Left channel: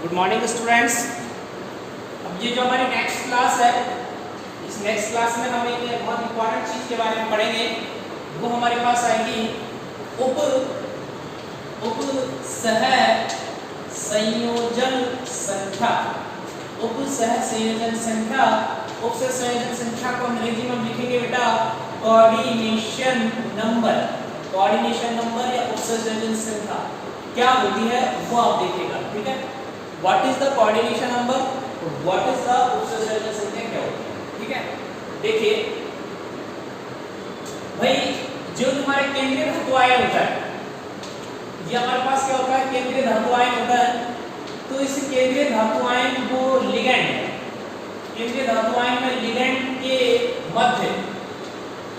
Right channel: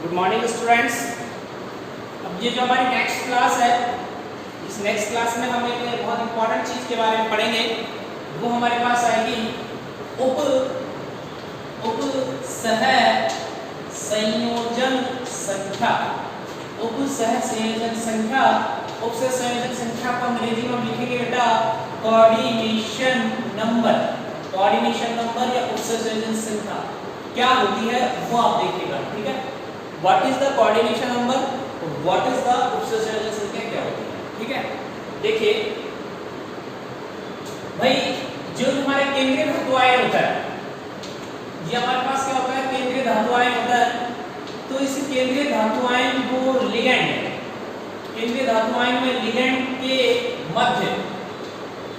Good morning students. अब ये जो हमारी नेक्स्ट क्लास है, इस नेक्स्ट क्लास में हम एक बहुत इंपॉर्टेंट चीज के बारे में पढ़ेंगे। वो हमारे पास आएगी उप सह संयोजन संख्या। उप सह संयोजन संख्या, उप सह संयोजन संख्या को अंग्रेजी में हम लिखेंगे बेटा कोऑर्डिनेशन नंबर। कोऑर्डिनेशन नंबर या उप सह संयोजन संख्या क्या होती है वो आप देखिएगा, ठीक है। What is the coordination number, what is the उप सह संयोजन संख्या क्या होती है, ठीक है। देखिए भाई, जो हमारे केंद्रीय धातु आयन होता है, ये हमारे पास क्या होता है, केंद्रीय धातु आयन होता है। तो इस केंद्रीय धातु आयन को लिगैंड है, केंद्रीय धातु आयन में लिगैंड के मध्य,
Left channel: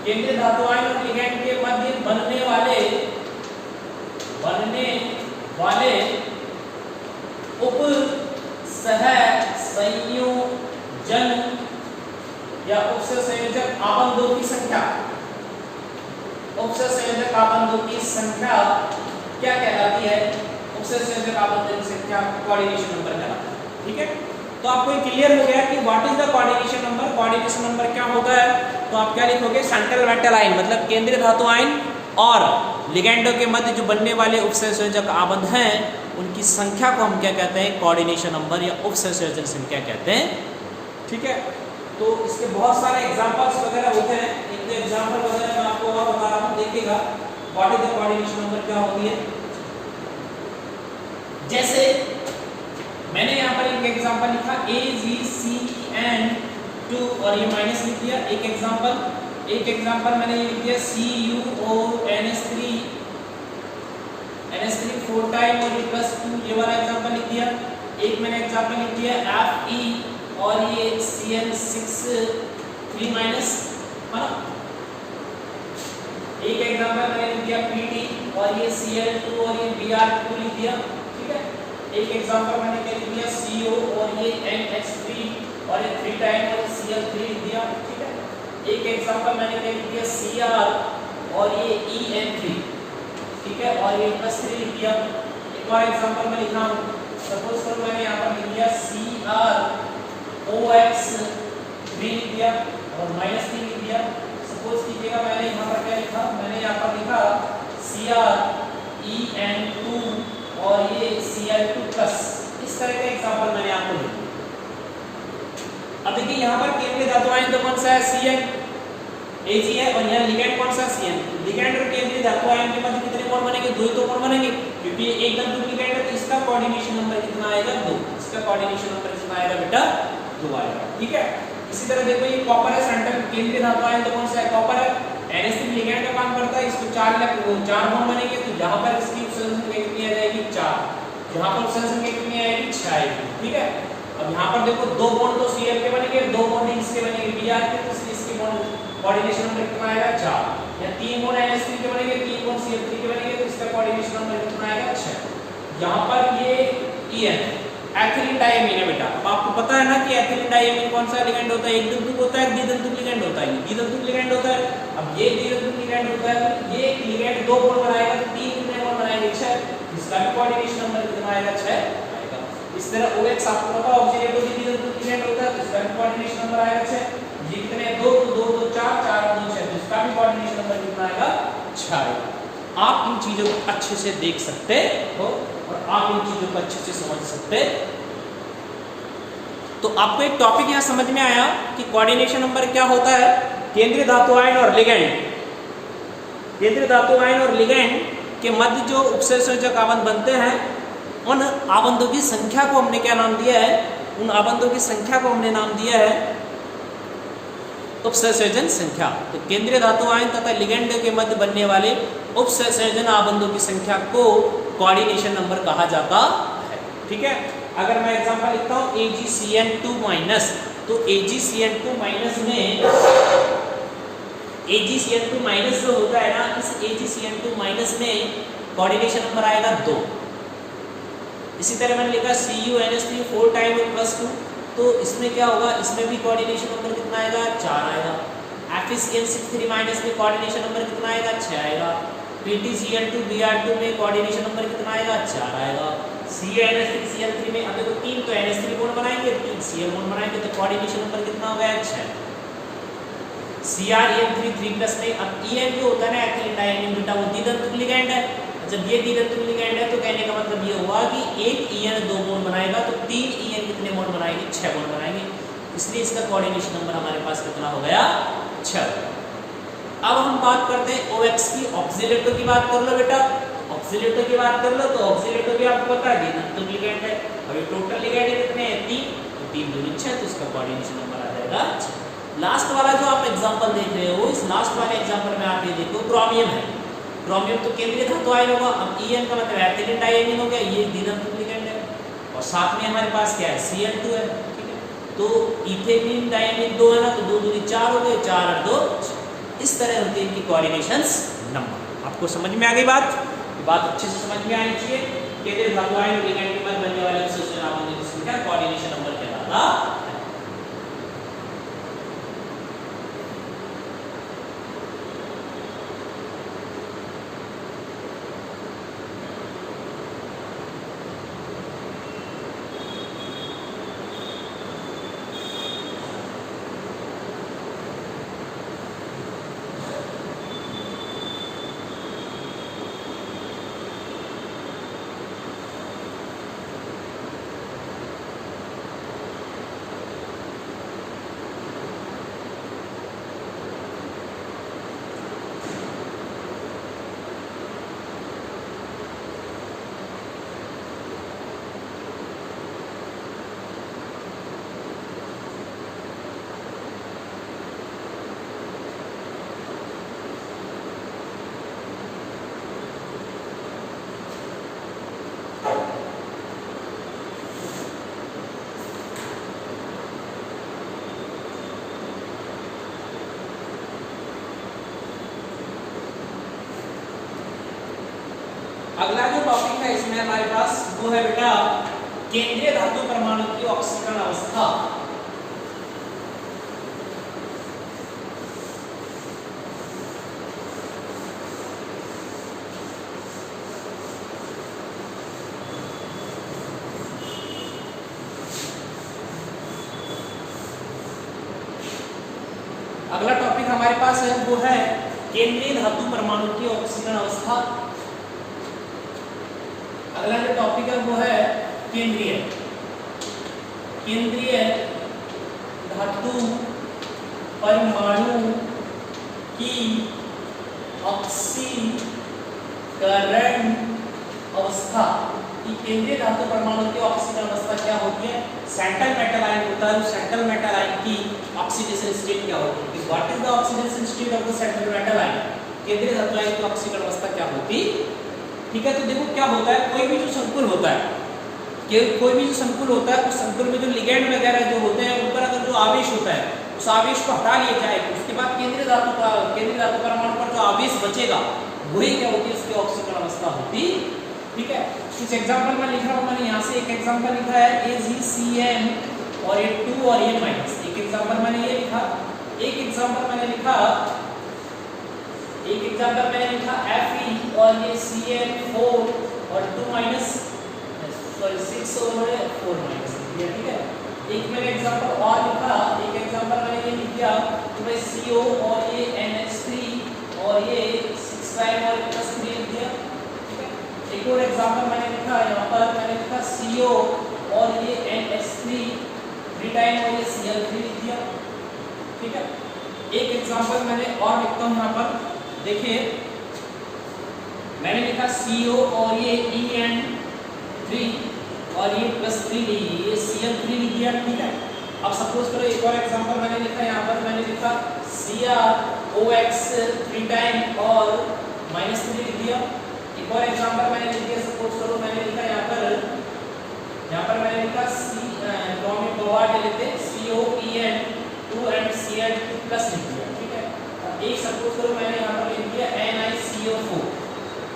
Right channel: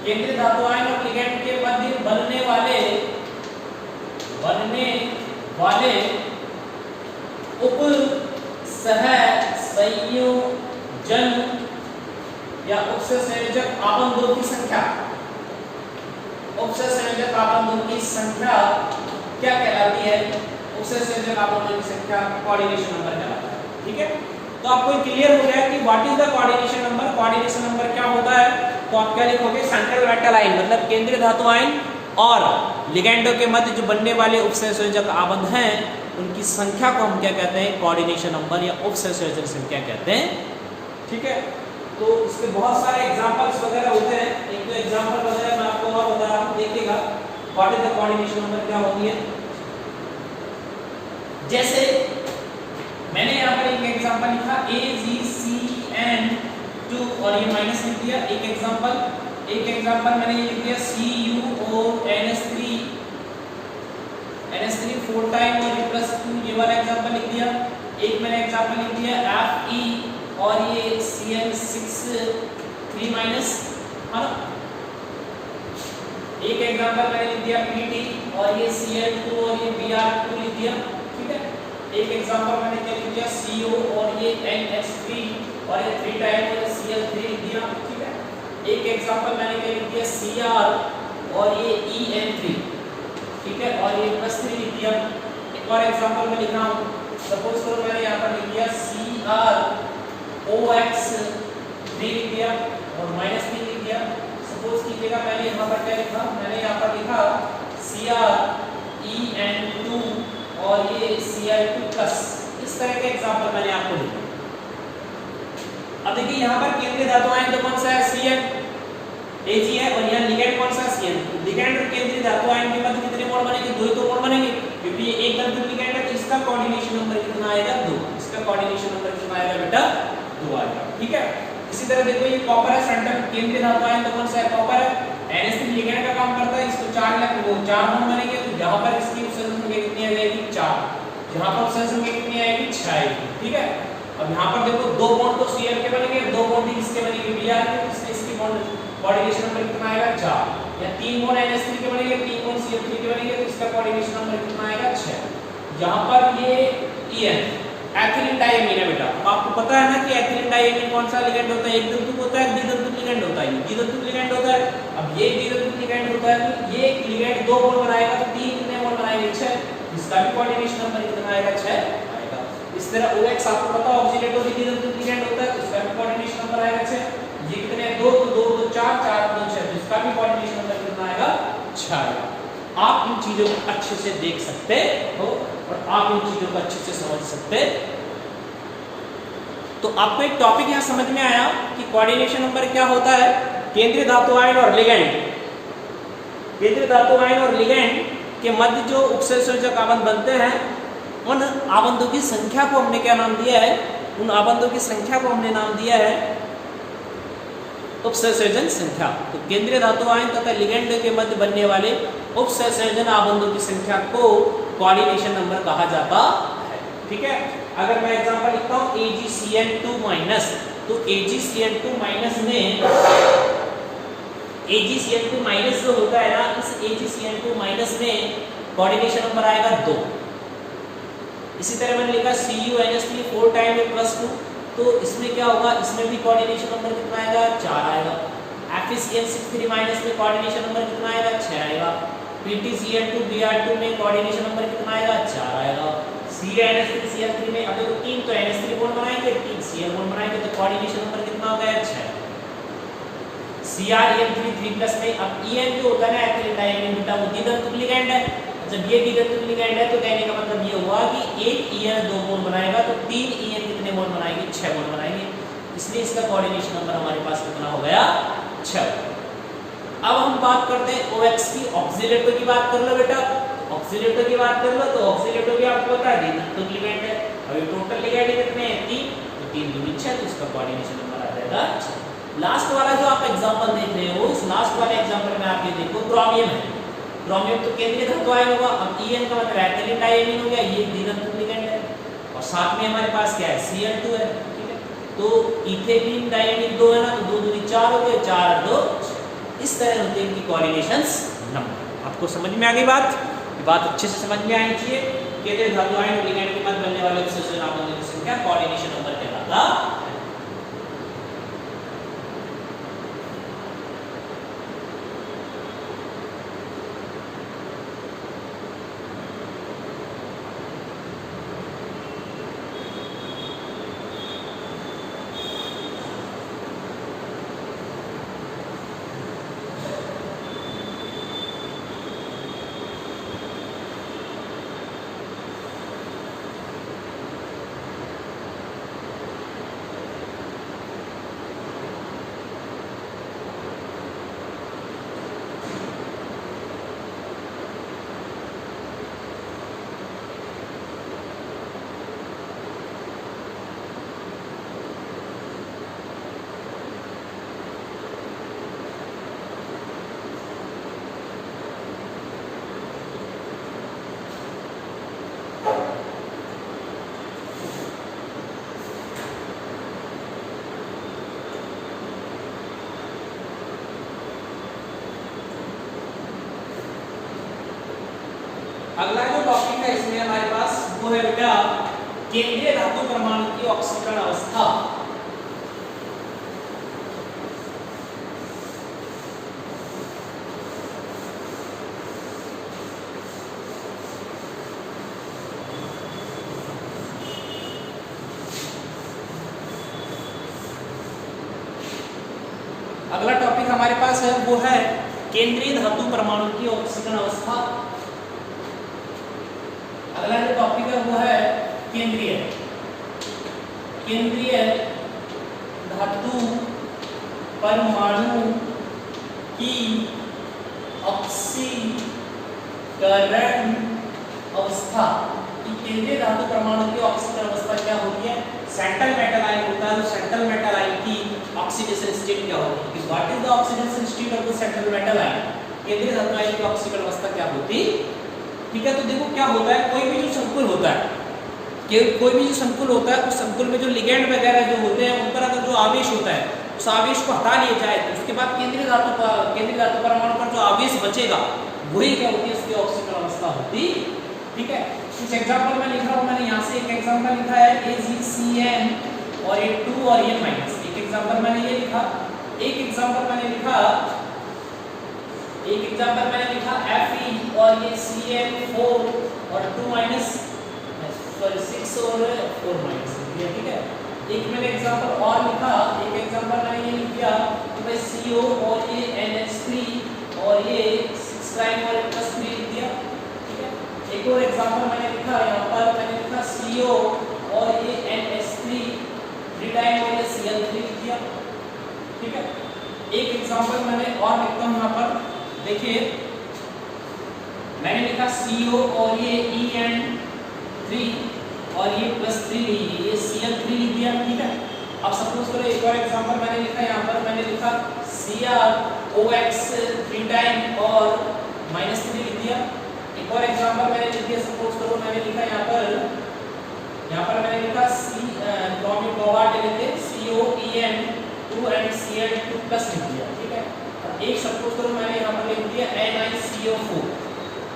केंद्रीय धातु आयन और लिगैंड के मध्य बनने वाले उप सह संयोजन या उप सह संयोजक आबंधों की संख्या, उप सह संयोजक आबंधों की संख्या क्या कहलाती है? उप सह संयोजक आबंधों की संख्या कोऑर्डिनेशन नंबर कहलाता है, ठीक है। तो आपको क्लियर हो गया कि what is the coordination number. Coordination number क्या होता है, तो आप क्या लिखोगे, सेंट्रल मेटल आयन मतलब केंद्रीय धातु आयन और लिगैंडों के मध्य जो बनने वाले उप सह संयोजक आबंध हैं, उनकी संख्या को हम क्या कहते हैं, कोऑर्डिनेशन नंबर या उप सह संयोजन संख्या कहते हैं, ठीक है। तो इसके बहुत सारे एग्जांपल्स वगैरह होते हैं। एक दो एग्जांपल वगैरह मैं आपको और बता रहा हूं, देखिएगा what is the coordination number क्या होती है। जैसे मैंने यहाँ पर एक एग्जांपल लिखा AgCN2 और ये माइनस लिख दिया। एक एग्जांपल मैंने लिख दिया CuONS3 4 टाइम और ये +2, ये वाला एग्जांपल लिख दिया। एक मैंने एग्जांपल लिख दिया Fe और ये Cn6 3 माइनस, है ना। एक एग्जांपल मैंने लिख दिया Pt और ये Cl2 और ये Br2 लिख दिया, ठीक है। एक एग्जांपल मैंने क्या लिख दिया CO और ये NH3 और ये 3 टाइम और ये Cl3 लिख दिया, ठीक है। एक एग्जांपल मैंने क्या लिख दिया Cr और ये En3, ठीक है, और ये +3 लिख दिया। एक और एग्जांपल मैं लिख रहा हूँ, सपोज करो मैंने यहाँ पर लिख दिया CrOX3 लिख दिया और -3 लिख दिया। सपोज कीजिएगा मैंने यहाँ पर क्या लिखा, मैंने यहाँ पर लिखा CrEn2 और ये Cl2+। इस तरह के एग्जांपल मैंने आपको लिखा। अब देखिए यहाँ पर केंद्रीय धातु आयन तो कौन सा है, Cn Ag है, और यहाँ लिगैंड कौन सा, Cn। लिगैंड और केंद्रीय धातु आयन के मध्य कितने बॉन्ड बनेंगे, 2 ही तो बॉन्ड बनेंगे, क्योंकि ये एक धातु लिगैंड है। तो इसका कोऑर्डिनेशन नंबर कितना आएगा, 2। इसका कोऑर्डिनेशन नंबर कितना आएगा बेटा, 2 आएगा, ठीक है। इसी तरह देखो ये कॉपर है, सेंट्रल केंद्रीय धातु आयन तो कौन सा है, कॉपर है। NH3 लिगैंड का काम करता है, इसको 4 बॉन्ड बनेंगे। तो यहाँ पर इसकी उत्सर्जन संख्या कितनी आ जाएगी, 4। यहाँ पर उत्सर्जन संख्या कितनी आएगी, 6 आएगी, ठीक है। अब यहाँ पर देखो 2 बॉन्ड तो Cl के बनेंगे, 2 बॉन्ड इसके बनेंगे Br के, तो इसलिए इसकी बॉन्ड कोऑर्डिनेशन नंबर कितना आएगा, 4। या 3 बॉन्ड NH3 के बनेंगे, 3 बॉन्ड Cl3 के बनेंगे, तो इसका कोऑर्डिनेशन नंबर कितना आएगा, 6। यहाँ पर ये En एथिलीन डाइमीन है बेटा। अब आपको पता है ना कि एथिलीन डाइमीन कौन सा लिगैंड होता है, एक द्विध्रुव होता है, द्विध्रुव लिगैंड होता है, द्विध्रुव लिगैंड होता है। अब ये द्विध्रुव लिगैंड होता है, तो ये लिगैंड 2 बॉन्ड बनाएगा, तो 3 कितने बॉन्ड बनाएंगे, 6। इसका भी कोऑर्डिनेशन नंबर कितना आएगा, 6 आएगा। इस तरह OX आपको पता है ऑक्सीडेटिव द्विध्रुव लिगैंड होता है, तो इसका भी कोऑर्डिनेशन नंबर आएगा 6। ये कितने 2 2 2 4 4 2 6, तो इसका भी कोऑर्डिनेशन नंबर कितना आएगा, 6 आएगा। आप इन चीजों को अच्छे से देख सकते हो और आप इन चीजों को अच्छे से समझ सकते। तो आपको एक टॉपिक यहाँ समझ में आया कि कोऑर्डिनेशन नंबर क्या होता है। केंद्रीय धातु आयन और लिगैंड, केंद्रीय धातु आयन और लिगैंड के मध्य जो उप सह संयोजक आबंध बनते हैं, उन आबंधों की संख्या को हमने क्या नाम दिया है, उन आबंधों की संख्या को हमने नाम दिया है उप सह संयोजन संख्या। तो केंद्रीय धातु आयन तथा लिगैंड के मध्य बनने वाले उप सह संयोजन आबंधों की संख्या को कोऑर्डिनेशन नंबर कहा जाता है, ठीक है। अगर मैं एग्जांपल लिखता हूं AgCN2-, तो AgCN2- में AgCN2- जो होता है ना, इस AgCN2- में कोऑर्डिनेशन नंबर आएगा 2। इसी तरह मैंने लिखा CuNH3 4 टाइम और +2, तो इसमें क्या होगा, इसमें भी कोऑर्डिनेशन नंबर कितना आएगा, 4 आएगा। FeCl6 3- में कोऑर्डिनेशन नंबर कितना आएगा, 6 आएगा। PtCl2 Br2 में कोऑर्डिनेशन नंबर कितना आएगा? 4 आएगा। CnH3Cl3 में अब देखो 3 तो NH3 बॉन्ड बनाएंगे, 3 Cl बॉन्ड बनाएंगे, तो कोऑर्डिनेशन नंबर कितना हो गया? 6। Cr EN3 3+ में अब EN जो होता है ना एथिलीन डाइमीन बीटा, वो द्विधातुक लिगैंड है। जब ये द्विधातुक लिगैंड है तो कहने का मतलब ये हुआ कि एक EN 2 बॉन्ड बनाएगा तो 3 EN कितने बॉन्ड बनाएंगे? 6 बॉन्ड बनाएंगे। इसलिए इसका कोऑर्डिनेशन नंबर हमारे पास कितना हो गया? 6। अब हम बात करते हैं OX की। ऑक्सीडेटर की बात कर लो बेटा, ऑक्सीडेटर की बात कर लो तो ऑक्सीडेटर भी आपको पता है द्विधातुक लिगैंड है। अभी टोटल लिगैंड कितने हैं? 3, तो 3 दूनी 6, तो इसका कोऑर्डिनेशन नंबर आ जाएगा 6। लास्ट वाला जो आप एग्जांपल देख रहे हो, इस लास्ट वाले एग्जांपल में आप ये देखो क्रोमियम है। क्रोमियम तो केंद्रीय धातु आयन होगा। अब EN का मतलब एथिलीन डाइमीन हो गया, ये द्विधातुक लिगैंड है। और साथ में हमारे पास क्या है? Cl2 है। ठीक है, तो इथेलीन डाइमीन 2 है ना, तो 2 दूनी 4 हो गए, 4 और 2 6। इस तरह होते हैं इनकी कोऑर्डिनेशंस नंबर। आपको समझ में आ गई बात? बात अच्छे से समझ में आनी चाहिए। केंद्रीय धातु आयन लिगैंड के मध्य बनने वाले अवशेषों नामों की संख्या कोऑर्डिनेशन नंबर कहलाता है। अगला जो टॉपिक है इसमें हमारे पास वो है बेटा केंद्रीय धातु परमाणु की ऑक्सीकरण अवस्था। अगला टॉपिक हमारे पास है वो है केंद्रीय धातु परमाणु की ऑक्सीकरण अवस्था। अगला जो टॉपिक है वो है केंद्रीय धातु परमाणु की ऑक्सीकरण अवस्था। कि केंद्रीय धातु परमाणु की ऑक्सीकरण अवस्था क्या होती है? सेंट्रल मेटल आयन होता है, तो सेंट्रल मेटल आयन की ऑक्सीडेशन स्टेट क्या होती है? What is the oxidation state of the central metal ion? केंद्रीय धातु आयन की ऑक्सीकरण अवस्था क्या होती? ठीक है, तो देखो क्या होता है, कोई भी जो संकुल होता है, कोई भी जो संकुल होता है, उस संकुल में जो लिगैंड वगैरह जो होते हैं उन पर अगर जो आवेश होता है उस आवेश को हटा लिया जाए तो उसके बाद केंद्रीय धातु परमाणु पर जो आवेश बचेगा वही क्या होती है? उसकी ऑक्सीकरण अवस्था होती। ठीक है, कुछ एग्जांपल में लिख रहा हूं मैंने यहाँ से। एक एग्जांपल लिखा है AgCN और ये 2 और ये माइनस। एक एग्जांपल मैंने ये लिखा, एक एग्जांपल मैंने लिखा Fe और ये Cl4 और 2 माइनस सॉरी 6 और 4 माइनस लिख दिया। ठीक है, एक मैंने एग्जांपल और लिखा, एक एग्जांपल मैंने ये लिख दिया कि भाई CO और ये NH3 और ये 6 प्राइम और +3 लिख दिया। ठीक है, एक और एग्जांपल मैंने लिखा, यहाँ पर मैंने लिखा CO और ये NH3 3 टाइम और ये Cl3 लिख दिया। ठीक है, एक एग्जांपल मैंने और लिखता हूँ यहाँ पर, देखिए मैंने लिखा CO और ये En3 और ये +3 ये Cl3 लिख दिया। ठीक है, अब सपोज करो एक और एग्जांपल मैंने लिखा, यहाँ पर मैंने लिखा CrOX 3 टाइम और -3 लिख दिया। एक और एग्जांपल मैंने लिख दिया, सपोज करो मैंने लिखा यहाँ पर मैंने लिखा क्रोमियम कोबाल्ट लिख दे COEN2 एंड Cl2+ लिख दिया। ठीक है, अब एक सपोज करो मैंने यहाँ पर लिख दिया NiCO4।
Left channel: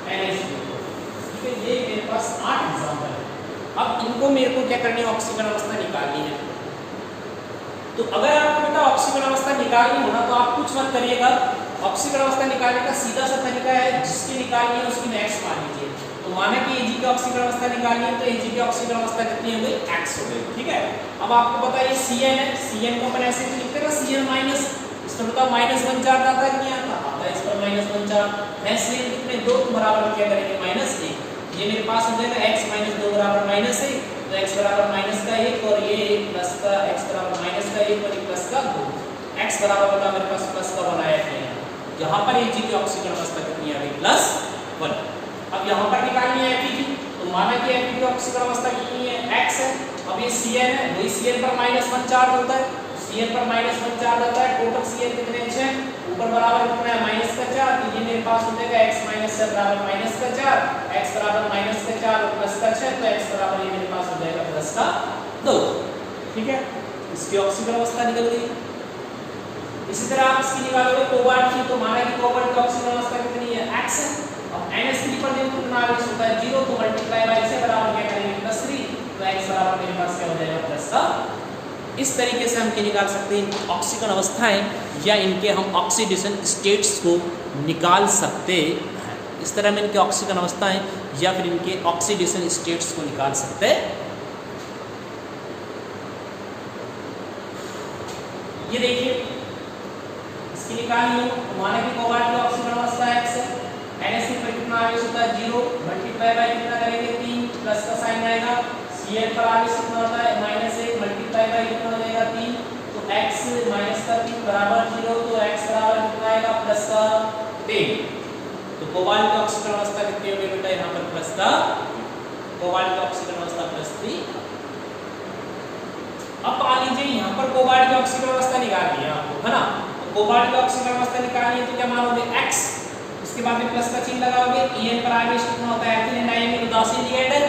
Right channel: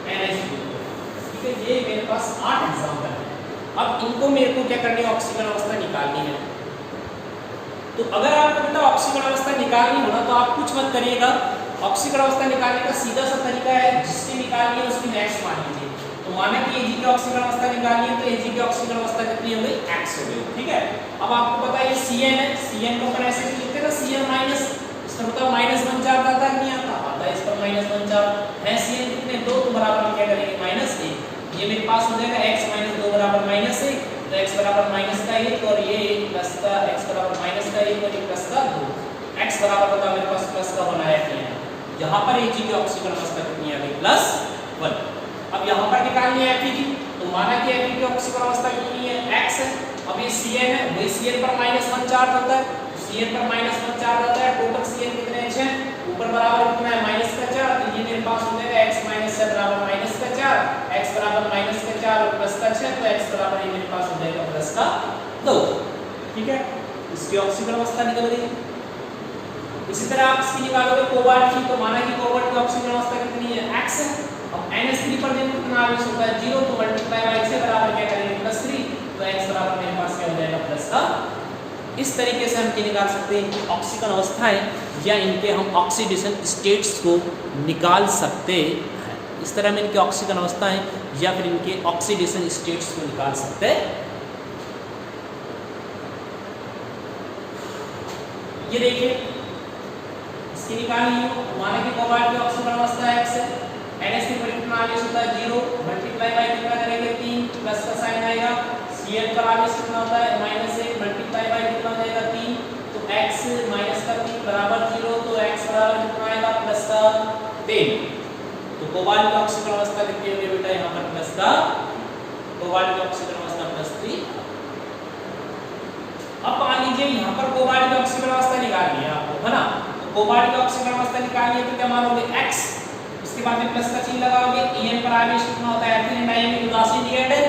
ठीक है, ये मेरे पास 8 एग्जांपल है। अब इनको मेरे को क्या करनी है? ऑक्सीकरण अवस्था निकालनी है। तो अगर आपको बेटा ऑक्सीकरण अवस्था निकालनी हो ना तो आप कुछ मत करिएगा, ऑक्सीकरण अवस्था निकालने का सीधा सा तरीका है, जिसकी निकालनी है उसकी x मान लीजिए। तो माना कि Ag की ऑक्सीकरण अवस्था निकालनी है तो Ag की ऑक्सीकरण अवस्था कितनी हो गई, x हो गई, ठीक है। अब आपको पता है Cn है, Cn को अपन ऐसे लिखते हैं ना, Cn माइनस, इसका मतलब -1 चार्ज आता है, नहीं आता, आता है इस पर -1 चार्ज है। Cn कितने 2, तो बराबर क्या करेंगे -1, ये मेरे पास हो जाएगा x - 2 बराबर -1, तो x बराबर -1 और ये प्लस का x बराबर -1 और ये प्लस का 2, x बराबर होगा मेरे पास प्लस का 1 आया है। यहाँ पर Ag की ऑक्सीकरण अवस्था कितनी आ गई, +1। अब यहाँ पर निकालनी है Fe की, तो माना कि Fe की ऑक्सीकरण अवस्था कितनी है, x है। अब ये Cn है, वही Cn पर -1 चार्ज होता है, Cn पर -1 चार्ज आता है, टोटल Cn कितने हैं 6, ऊपर बराबर कितना है -4, तो ये मेरे पास हो जाएगा x - 6 बराबर -4, x बराबर -4 और प्लस का 6, तो x बराबर ये मेरे पास हो जाएगा प्लस का 2, ठीक है। इसकी ऑक्सीकरण अवस्था निकल गई। इसी तरह आप इसकी निकालोगे कोबाल्ट की, तो माना कि कोबाल्ट की ऑक्सीकरण अवस्था कितनी है, x है। अब NH3 पर देखो कितना आवेश होता है 0, तो मल्टीप्लाई बाय से बराबर क्या करेंगे +3, तो x बराबर मेरे पास क्या हो जाएगा प्लस का। इस तरीके से हम क्या निकाल सकते हैं कि ऑक्सीकरण अवस्थाएं या इनके हम ऑक्सीडेशन स्टेट्स को निकाल सकते हैं। इस तरह में इनके ऑक्सीकरण अवस्थाएं या फिर इनके ऑक्सीडेशन स्टेट्स को निकाल सकते हैं। ये देखिए इसकी निकालनी हो, माना कि कोबाल्ट की ऑक्सीकरण अवस्था x है, NH3 पर कितना आवेश होता है 0, मल्टीप्लाई बाय कितना करेंगे 3, प्लस का साइन आएगा। Cl पर आवेश कितना होता है -1, मल्टीप्लाई बाय कितना हो जाएगा 3, तो x -3 बराबर 0, तो x बराबर कितना आएगा प्लस का 3। तो कोबाल्ट की ऑक्सीकरण अवस्था कितनी होगी बेटा, यहाँ पर प्लस का, कोबाल्ट की ऑक्सीकरण अवस्था +3। अब मान लीजिए यहाँ पर कोबाल्ट की ऑक्सीकरण अवस्था निकालनी है आपको, है ना। कोबाल्ट की ऑक्सीकरण अवस्था निकालनी है तो क्या मानोगे x, उसके बाद में प्लस का चिन्ह लगाओगे। En पर आवेश कितना होता है, एथिलीन डाइमीन उदासीन लिगैंड है,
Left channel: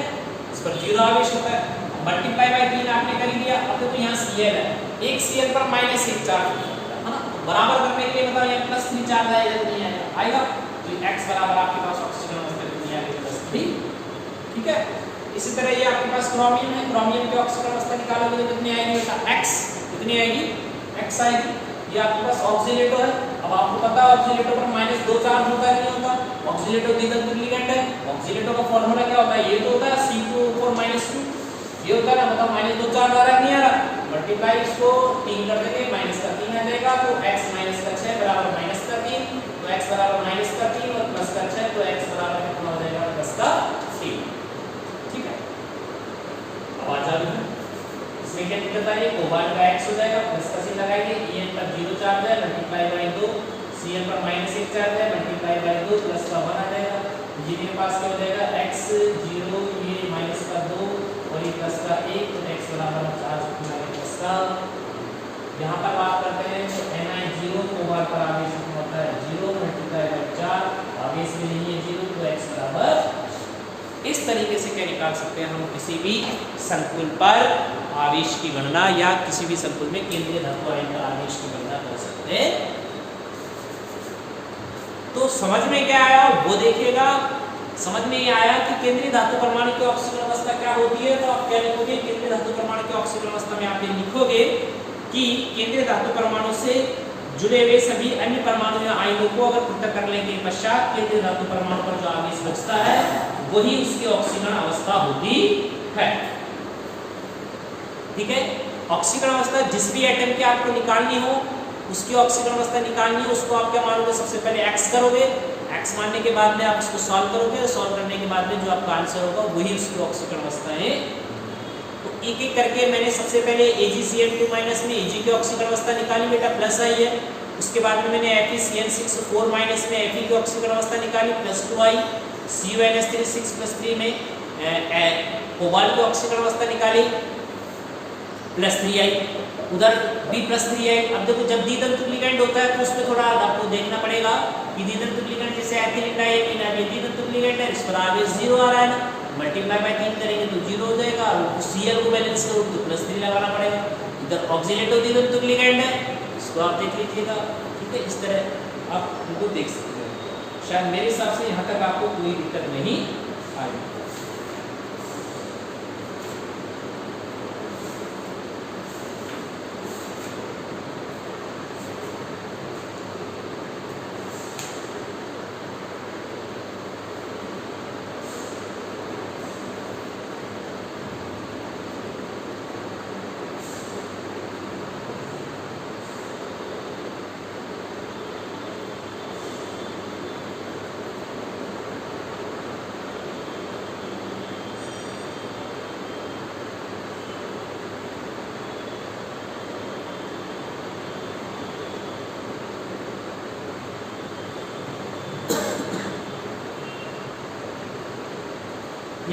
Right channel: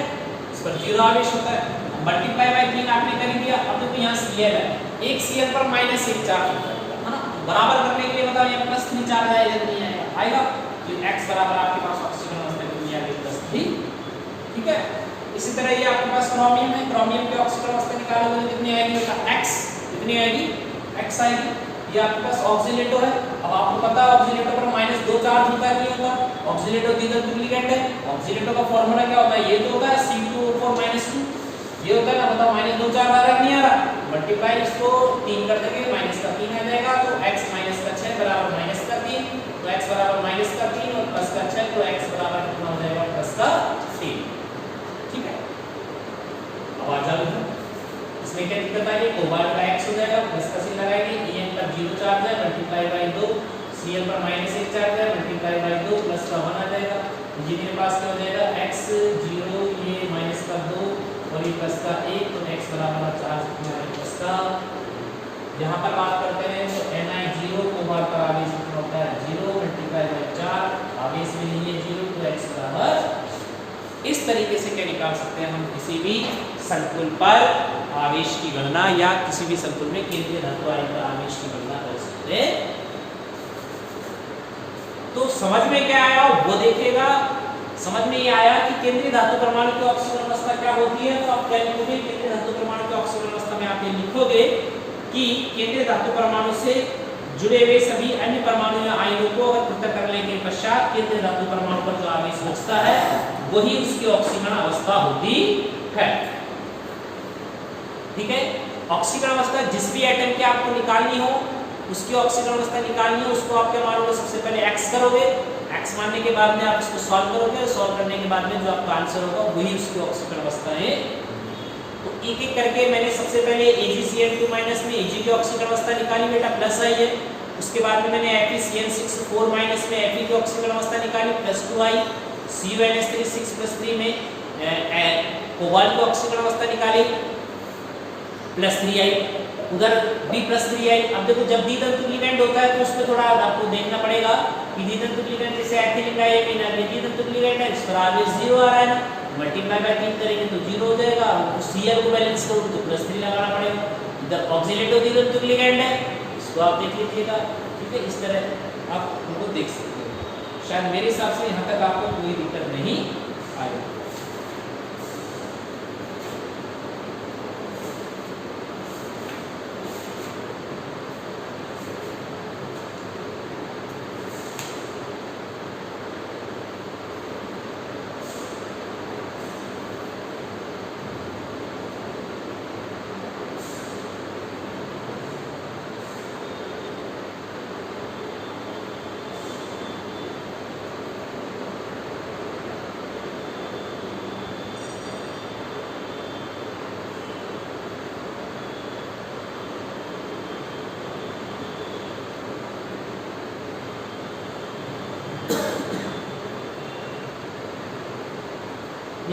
इस पर 0 आवेश होता है, मल्टीप्लाई बाय 3 आपने कर लिया। अब देखो यहाँ Cl है, एक Cl पर -1 चार्ज होता है ना, बराबर करने के लिए बताओ यहाँ +3 चार्ज आएगा, तो x बराबर आपके पास ऑक्सीकरण अवस्था कितनी आ गई +3, ठीक है। इसी तरह ये आपके पास क्रोमियम है, क्रोमियम की ऑक्सीकरण अवस्था निकालोगे तो कितनी आएगी बेटा, x कितनी आएगी, x आएगी। ये आपके पास ऑक्सीलेटो है, अब आपको पता है ऑक्सीलेटो पर -2 चार्ज होता है, नहीं होता, ऑक्सीलेटो द्विबंधुक लिगैंड है। ऑक्सीलेटो का फार्मूला क्या होता है, ये तो होता है C2O4 -2, ये होता है ना, बताओ -2 चार्ज आ रहा है, नहीं आ रहा, मल्टीप्लाई इसको 3 कर देंगे, -3 आ जाएगा, तो x - 6 बराबर -3, तो x बराबर -3 और प्लस का 6, तो x बराबर कितना हो जाएगा प्लस का 3, ठीक है। अब आ जाओ इसमें क्या दिक्कत आई है, कोबाल्ट का x हो जाएगा, प्लस का चिन्ह लगाएंगे, En पर 0 चार्ज है, मल्टीप्लाई बाय 2, Cl पर -1 चार्ज है, मल्टीप्लाई बाय 2, प्लस का 1 आ जाएगा। ये मेरे पास क्या हो जाएगा x 0, ये माइनस का 2 और ये प्लस का 1, तो x बराबर चार्ज कितना है प्लस का। यहाँ पर बात करते हैं तो Ni0, कोबाल्ट पर आवेश कितना होता है 0, मल्टीप्लाई बाय 4, आवेश में नहीं है 0, तो x बराबर। इस तरीके से क्या निकाल सकते हैं हम किसी भी संकुल पर आवेश की गणना या किसी भी संकुल में केंद्रीय धातु आयन पर आवेश की गणना कर सकते हैं। तो समझ में क्या आया वो देखिएगा। समझ में ये आया कि केंद्रीय धातु परमाणु की ऑक्सीकरण अवस्था क्या होती है, तो आप क्या लिखोगे, केंद्रीय धातु परमाणु की ऑक्सीकरण अवस्था में आप ये लिखोगे कि केंद्रीय धातु परमाणु से जुड़े हुए सभी अन्य परमाणु या आयनों को अगर पृथक करने के पश्चात केंद्रीय धातु परमाणु पर जो आवेश बचता है वही उसकी ऑक्सीकरण अवस्था होती है, ठीक है। ऑक्सीकरण अवस्था जिस भी एटम की आपको निकालनी हो उसकी ऑक्सीकरण अवस्था निकालनी हो, उसको आप क्या मानोगे, सबसे पहले x करोगे, x मानने के बाद में आप इसको सॉल्व करोगे और सॉल्व करने के बाद में जो आपका आंसर होगा वही उसकी ऑक्सीकरण अवस्था है। तो एक एक करके मैंने सबसे पहले AgCl2- में Ag की ऑक्सीकरण अवस्था निकाली बेटा, प्लस आई है। उसके बाद में मैंने FeCl6 4- में Fe की ऑक्सीकरण अवस्था निकाली, +2 आई। CuNH3 6+3 में कोबाल्ट की ऑक्सीकरण अवस्था निकाली, +3 आई। उधर भी +3 आई। अब देखो जब द्वितंतुक लिगैंड होता है तो उसमें थोड़ा आपको देखना पड़ेगा कि द्वितंतुक लिगैंड जैसे एथिलीन डाइमीन है, द्वितंतुक लिगैंड है, इस पर आवेश 0 आ रहा है ना, मल्टीप्लाई बाय 3 करेंगे तो 0 हो जाएगा, और Cl को बैलेंस करो तो +3 लगाना पड़ेगा। इधर ऑक्सीलेटो द्वितंतुक लिगैंड है, इसको आप देख लीजिएगा, ठीक है। इस तरह आप उनको देख सकते हैं। शायद मेरे हिसाब से यहाँ तक आपको कोई दिक्कत नहीं आएगी।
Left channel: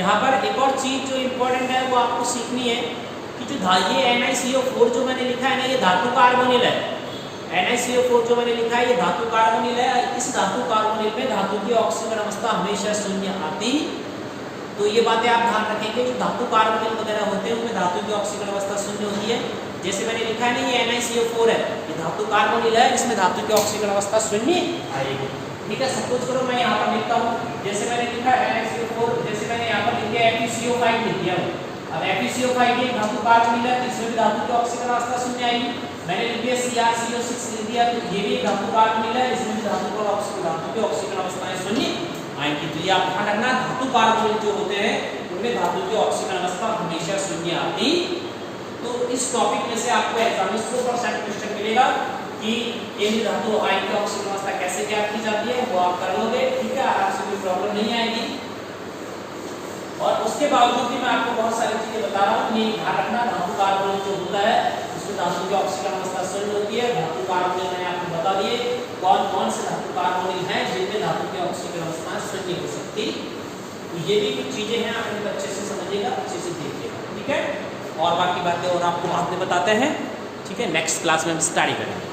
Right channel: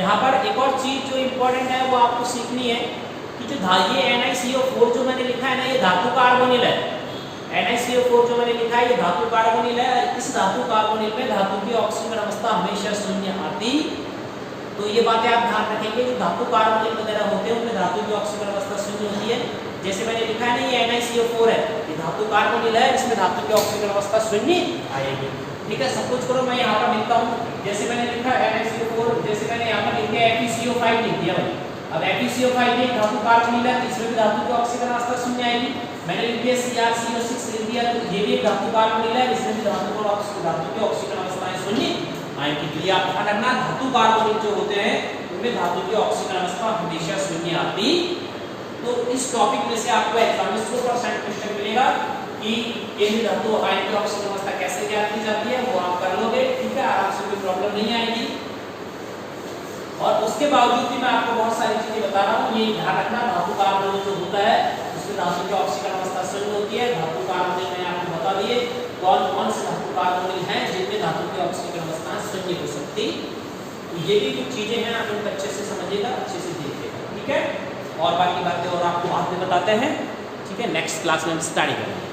यहाँ पर एक और चीज जो इम्पोर्टेंट है वो आपको सीखनी है कि जो ये NiCO4 जो मैंने लिखा है ना, ये धातु कार्बोनिल है। NiCO4 जो मैंने लिखा है ये धातु कार्बोनिल है। इस धातु कार्बोनिल में धातु की ऑक्सीजन अवस्था हमेशा शून्य आती। तो ये बातें आप ध्यान रखेंगे, जो धातु कार्बोनिल वगैरह होते हैं उनमें धातु की ऑक्सीजन अवस्था शून्य होती है। जैसे मैंने लिखा है ना, ये NiCO4 है, ये धातु कार्बोनिल है, इसमें धातु की ऑक्सीजन अवस्था शून्य आएगी। ठीक है, सब कुछ करो, मैं यहाँ पर लिखता हूँ। जैसे मैंने लिखा NiCO4, जैसे मैंने यहाँ पर लिख दिया FeCO5 लिख दिया। अब FeCO5 ये धातु कार्बोनिल है, इसमें भी धातु की ऑक्सीजन अवस्था शून्य आएगी। मैंने लिख दिया CrCO6 लिख दिया, तो ये भी एक धातु कार्बोनिल है, इसमें भी धातु की ऑक्सीजन अवस्था शून्य आएगी। तो ये आप ध्यान रखना, धातु कार्बोनिल जो होते हैं उनमें धातु की ऑक्सीजन अवस्था हमेशा शून्य आती। तो इस टॉपिक में से आपको एग्जाम में 100% क्वेश्चन मिलेगा कि केंद्रीय धातु आयन की ऑक्सीजन अवस्था कैसे ज्ञात की जाती है, वो आप कर लोगे। ठीक है, आराम से, कोई प्रॉब्लम नहीं आएगी। और उसके बावजूद भी मैं आपको बहुत सारी चीजें बता रहा हूँ, ये ध्यान रखना, धातु कार्बोनिल जो होता है उसमें धातु की ऑक्सीजन अवस्था शून्य होती है। धातु कार्बोनिल मैंने आपको बता दिए कौन कौन से धातु कार्बोनिल हैं जिनमें धातु की ऑक्सीजन अवस्था शून्य हो सकती। तो ये भी कुछ चीजें हैं, आप इनको अच्छे से समझिएगा, अच्छे से देखिएगा। ठीक है, और बाकी बातें और आपको बाद में बताते हैं। ठीक है, नेक्स्ट क्लास में हम स्टडी करेंगे।